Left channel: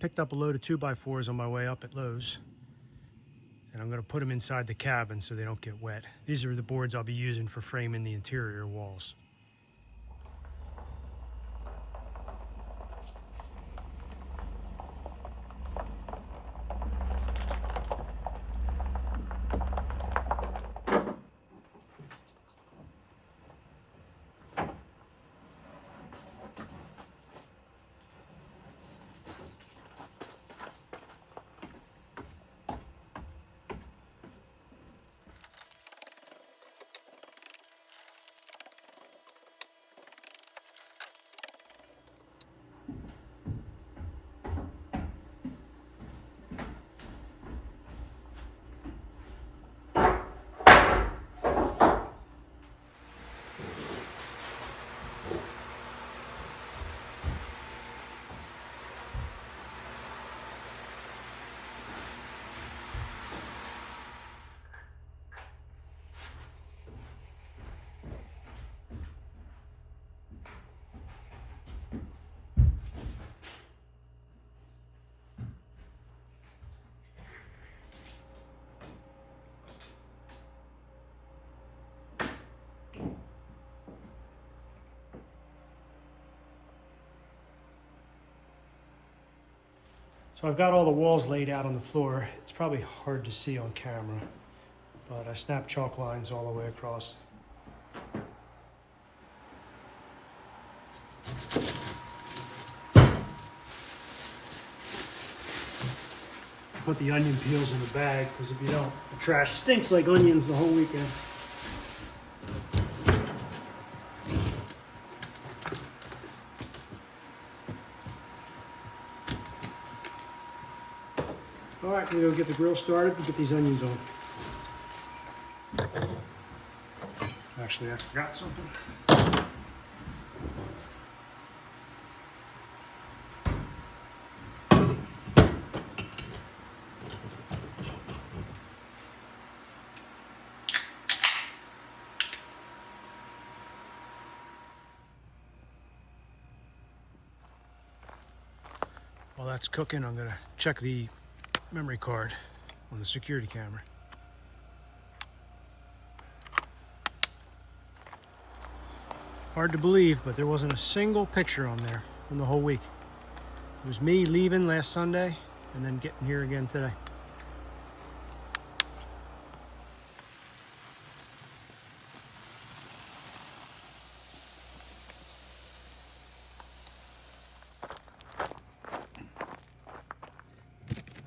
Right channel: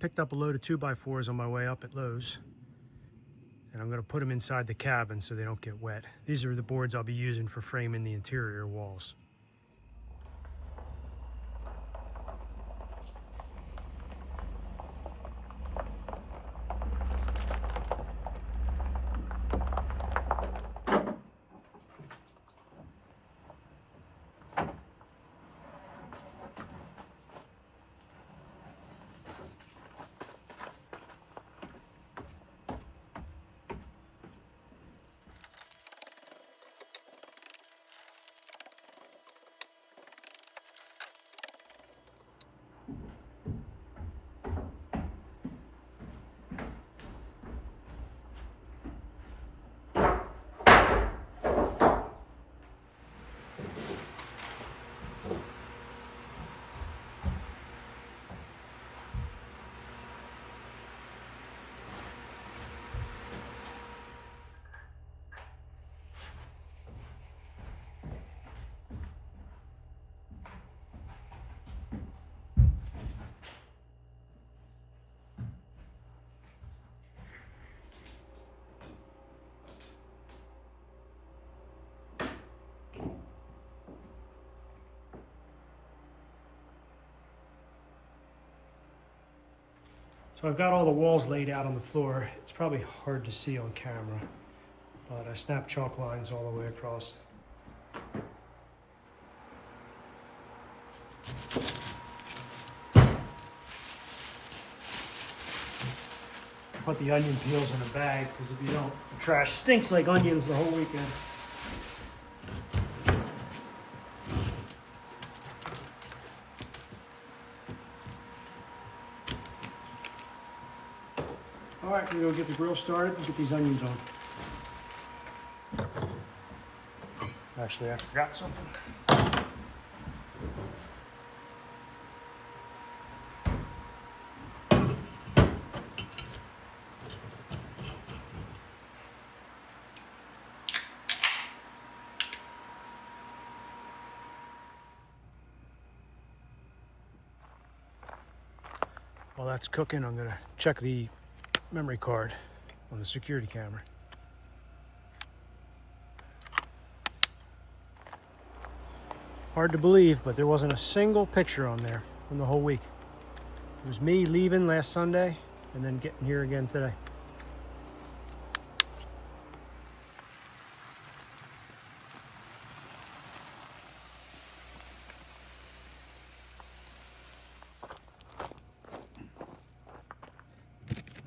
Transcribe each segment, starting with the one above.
picked up a load of 2x4s on my way up at Lowe's. And I'm going to put them inside the cabin so they don't get wet. These are the boards I'll be using for framing the interior walls. So I've got all the walls laid out on the floor. It's probably hard to see on camera, but I snapped chalk lines all the way across. Put the onion peels in a bag, because if you don't, the trash stinks like onions the whole weekend. All right, we're gonna get the grill started and get these onions on. Actually, I forgot something. While that's cooking, I'm gonna check the memory card on the security camera. Hard to believe, but there wasn't a single picture on there from the whole week. It was me leaving last Sunday and then getting here again today.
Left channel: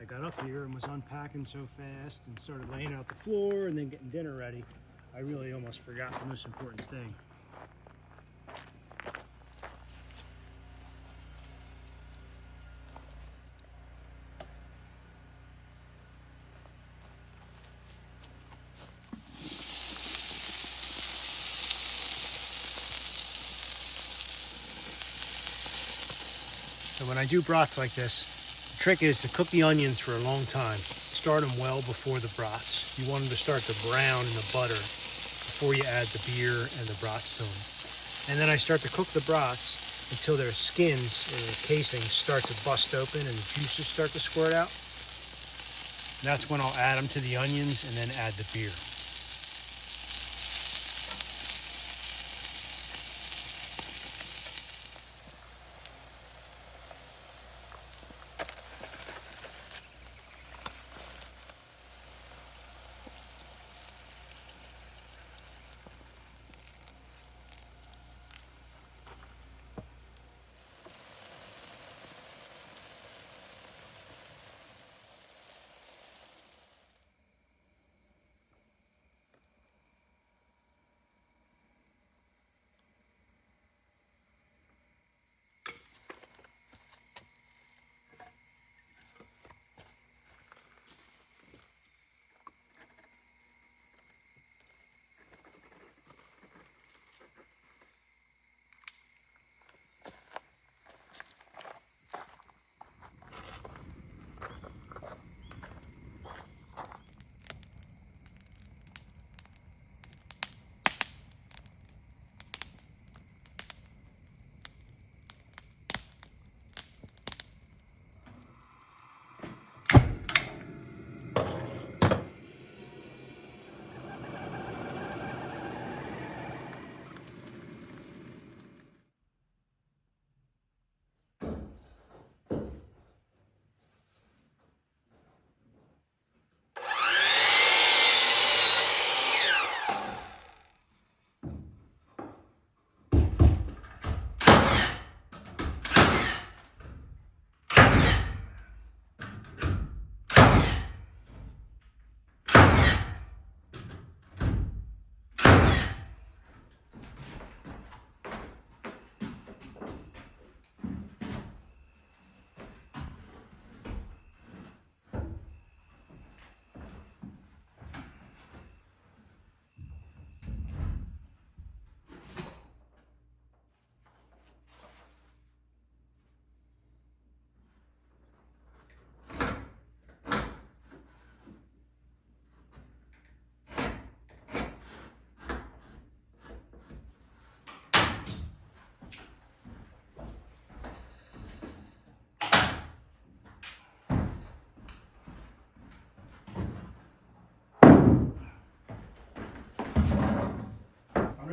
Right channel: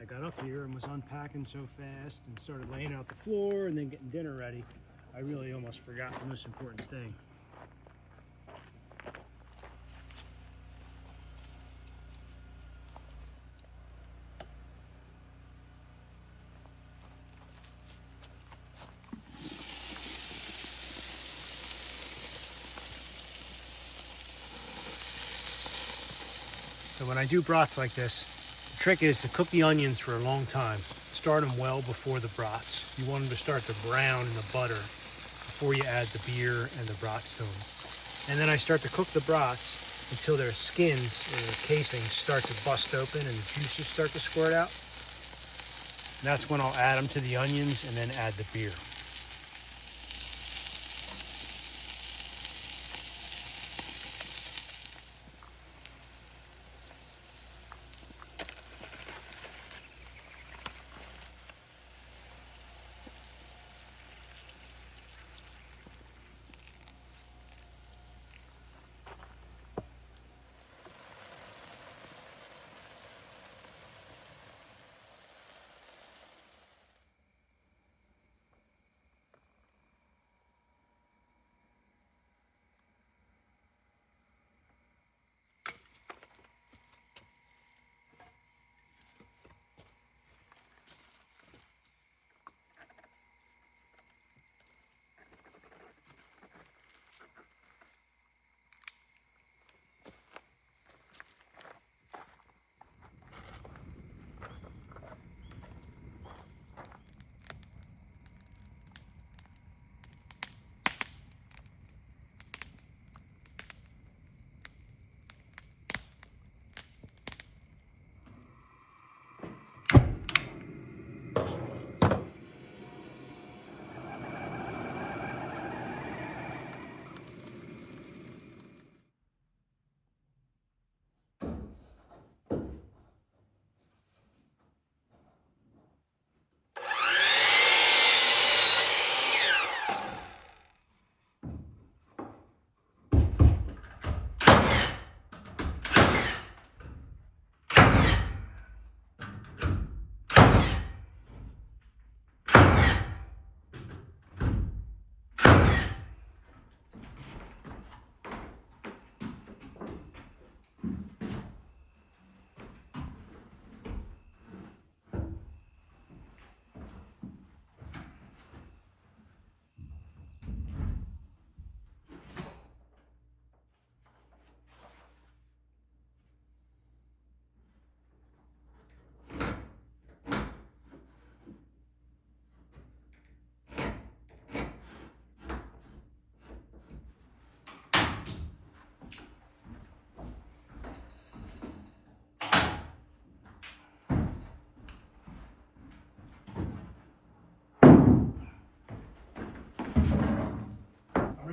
I got up here and was unpacking so fast and started laying out the floor and then getting dinner ready. I really almost forgot the most important thing. So when I do brats like this, the trick is to cook the onions for a long time. Start them well before the brats. You want them to start to brown in the butter before you add the beer and the brats to them. And then I start to cook the brats until their skins or their casings start to bust open and the juices start to squirt out. And that's when I'll add them to the onions and then add the beer.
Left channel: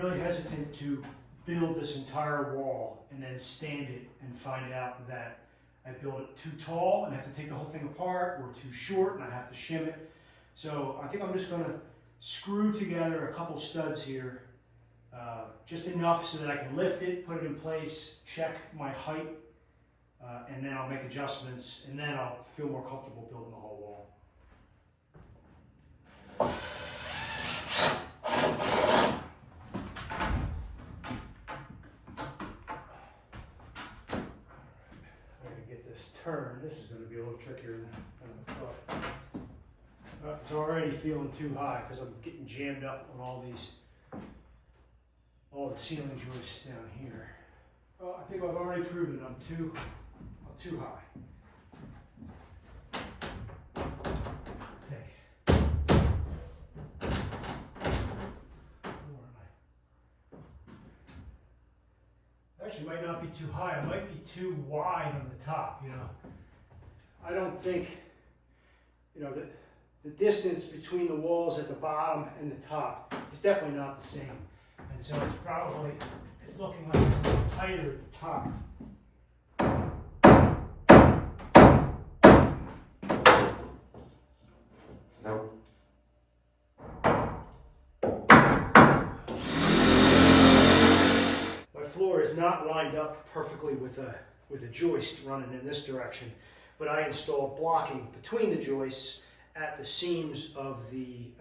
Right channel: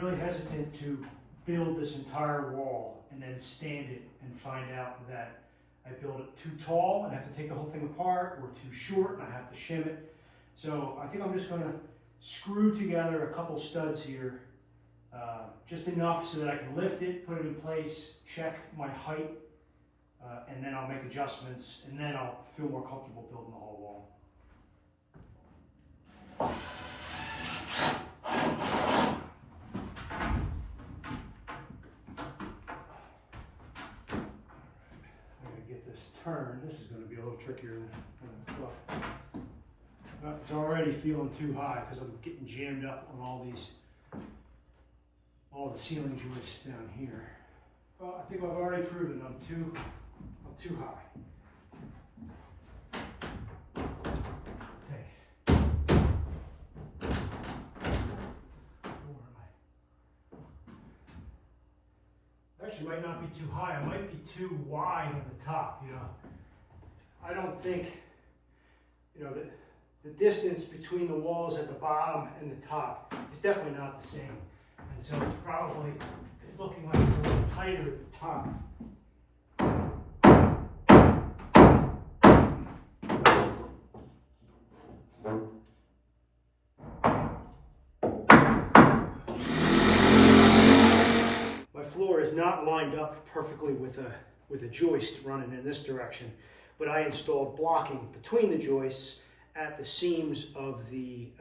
really hesitant to build this entire wall and then stand it and find out that I built it too tall and have to take the whole thing apart, or too short and I have to shim it. So I think I'm just going to screw together a couple studs here, just enough so that I can lift it, put it in place, check my height, and then I'll make adjustments, and then I'll feel more comfortable building the whole wall. Turn. This is going to be a little trickier than I thought. It's already feeling too high because I'm getting jammed up on all the ceiling joists down here. Well, I think I've already proven I'm too high. Actually might not be too high, it might be too wide on the top, you know. I don't think, you know, the distance between the walls at the bottom and the top is definitely not the same. And so it's looking like it's a little tighter at the top. Is not lined up perfectly with a joist running in this direction, but I installed blocking between the joists at the seams of the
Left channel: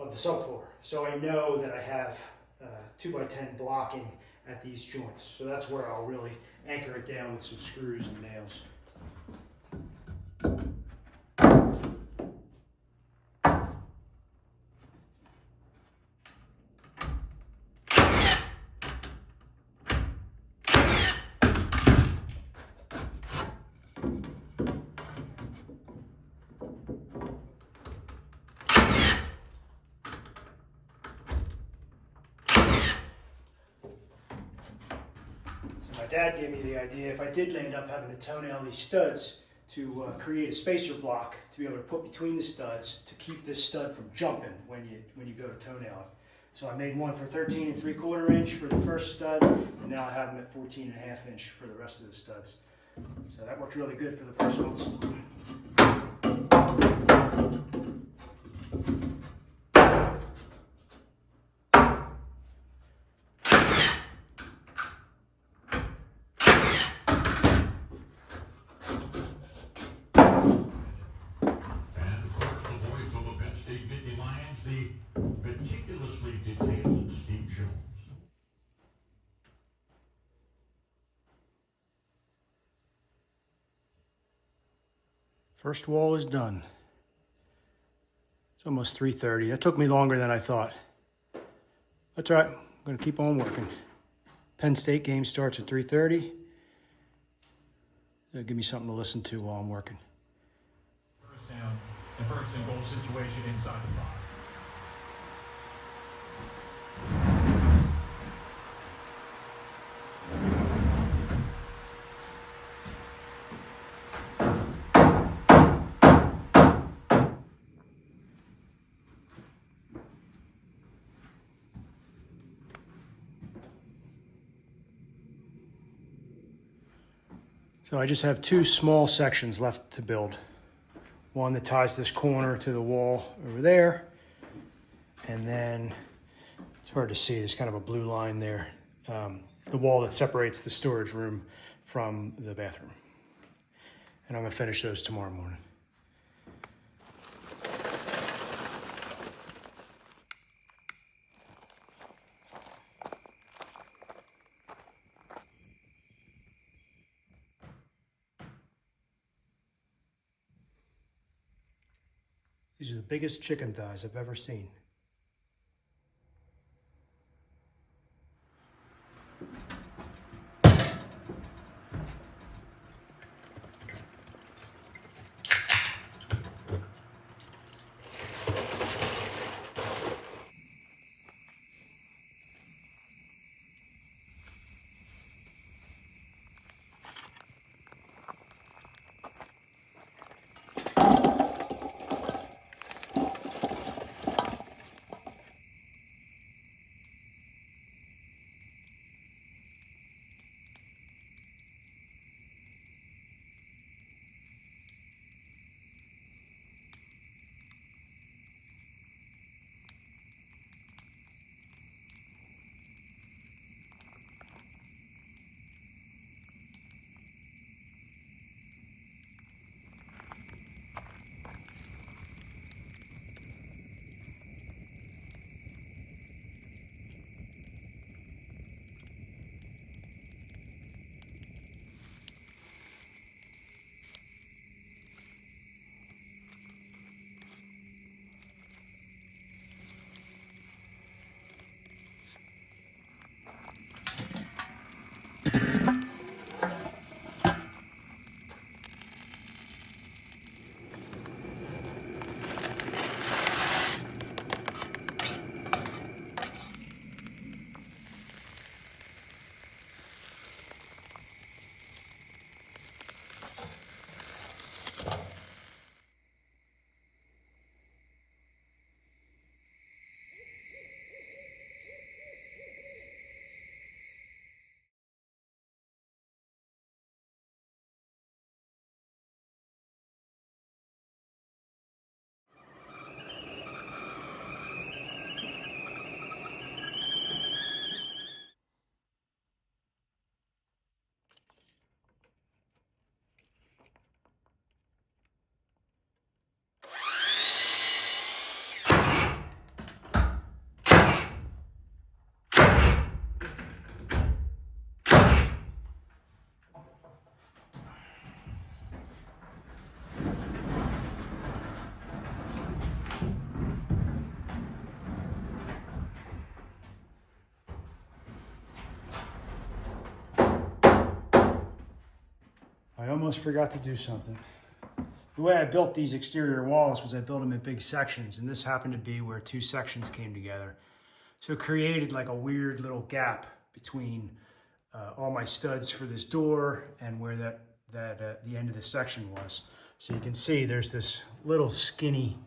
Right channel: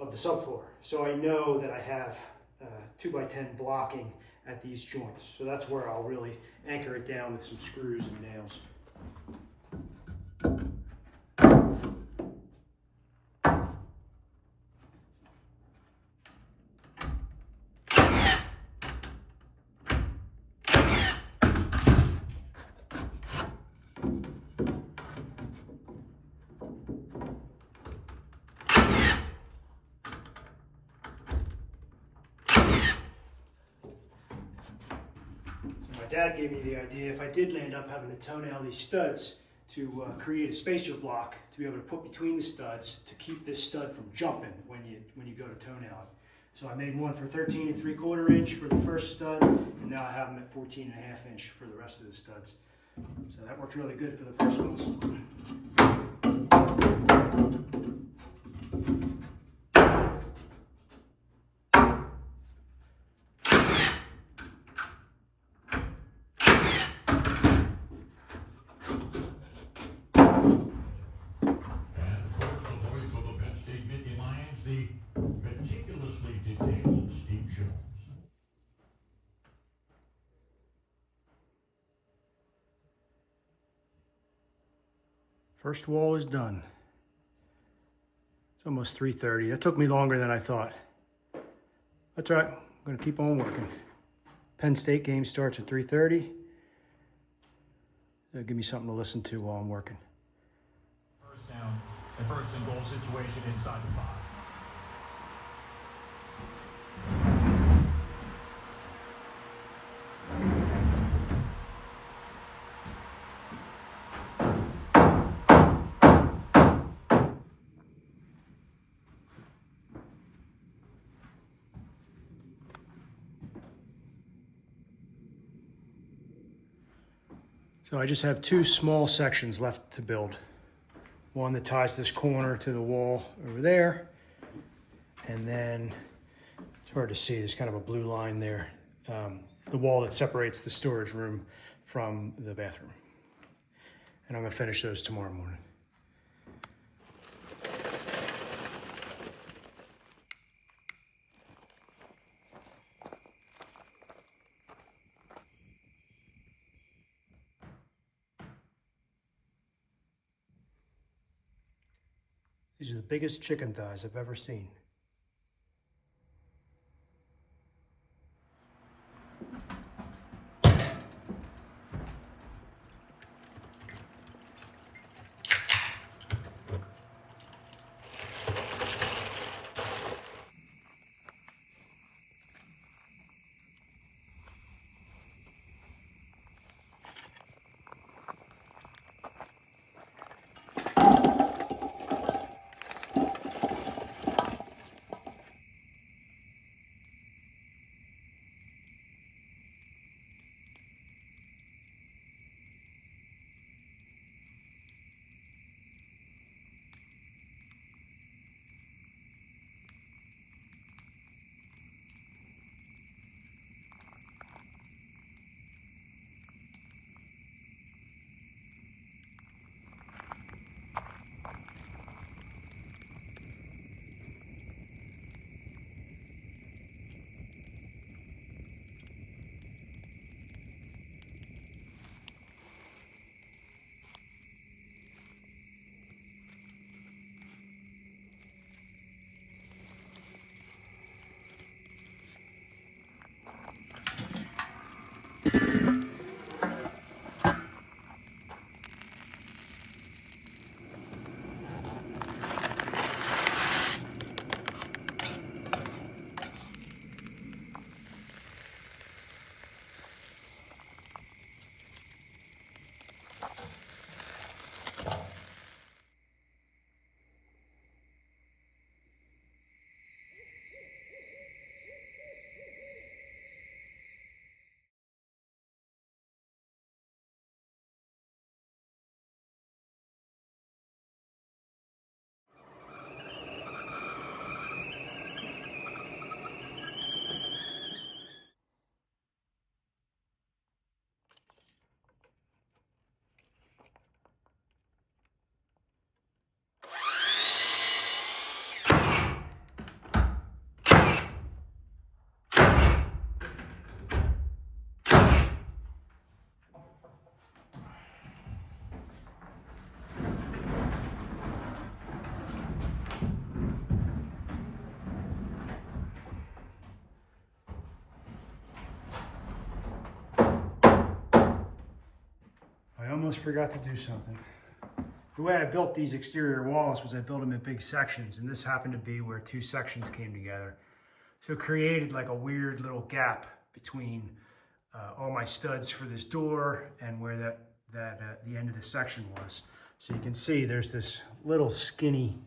subfloor, so I know that I have 2x10 blocking at these joints. So that's where I'll really anchor it down with some screws and nails. Dad gave me the idea, if I did end up having to toenail these studs, to create a spacer block to be able to put between the studs to keep this stud from jumping when you go to toenail it. So I made one for 13 3/4 inch for the first stud, and now I have them at 14 1/2 inch for the rest of the studs. So that worked really good for the first ones. Meticulously detailed Steve Jones. First wall is done. It's almost 3:30. That took me longer than I thought. That's all right. I'm going to keep on working. Penn State game starts at 3:30. That'll give me something to listen to while I'm working. First down, the first and goal situation inside the 5. So I just have 2 small sections left to build. One that ties this corner to the wall over there. And then, it's hard to see, there's kind of a blue line there. The wall that separates the storage room from the bathroom. And I'm gonna finish those tomorrow morning. These are the biggest chicken thighs I've ever seen. almost forgot to do something. The way I built these exterior walls was I built them in big sections, and this happened to be where two sections came together. So it created like a weird little gap between all my studs for this door and where the end of the section was. So you can see there's this little skinny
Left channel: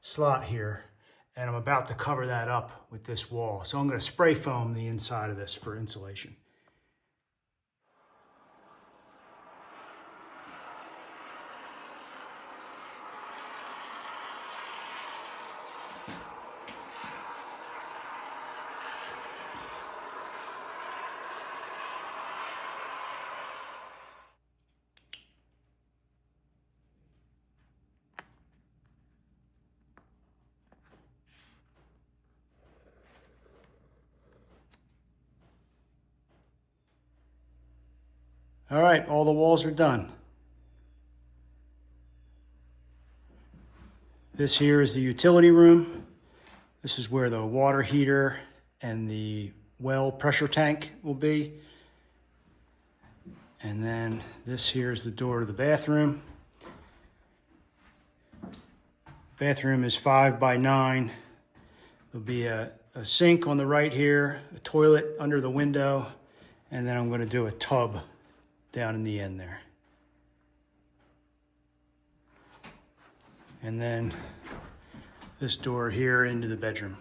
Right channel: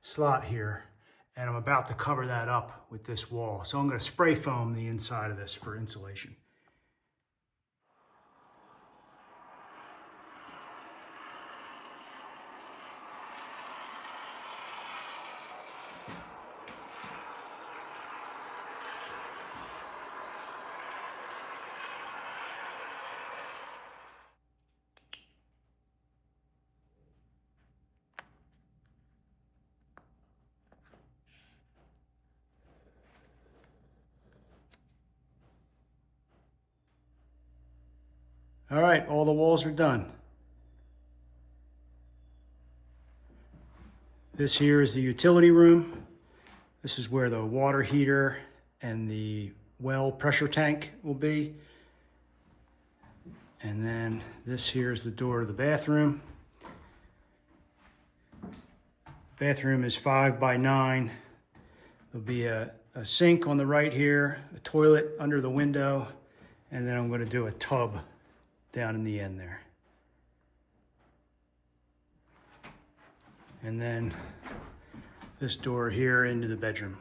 slot here, and I'm about to cover that up with this wall. So I'm going to spray foam the inside of this for insulation. All right, all the walls are done. This here is the utility room. This is where the water heater and the well pressure tank will be. And then this here is the door to the bathroom. Bathroom is 5 by 9. There'll be a sink on the right here, a toilet under the window, and then I'm going to do a tub down in the end there. And then this door here into the bedroom.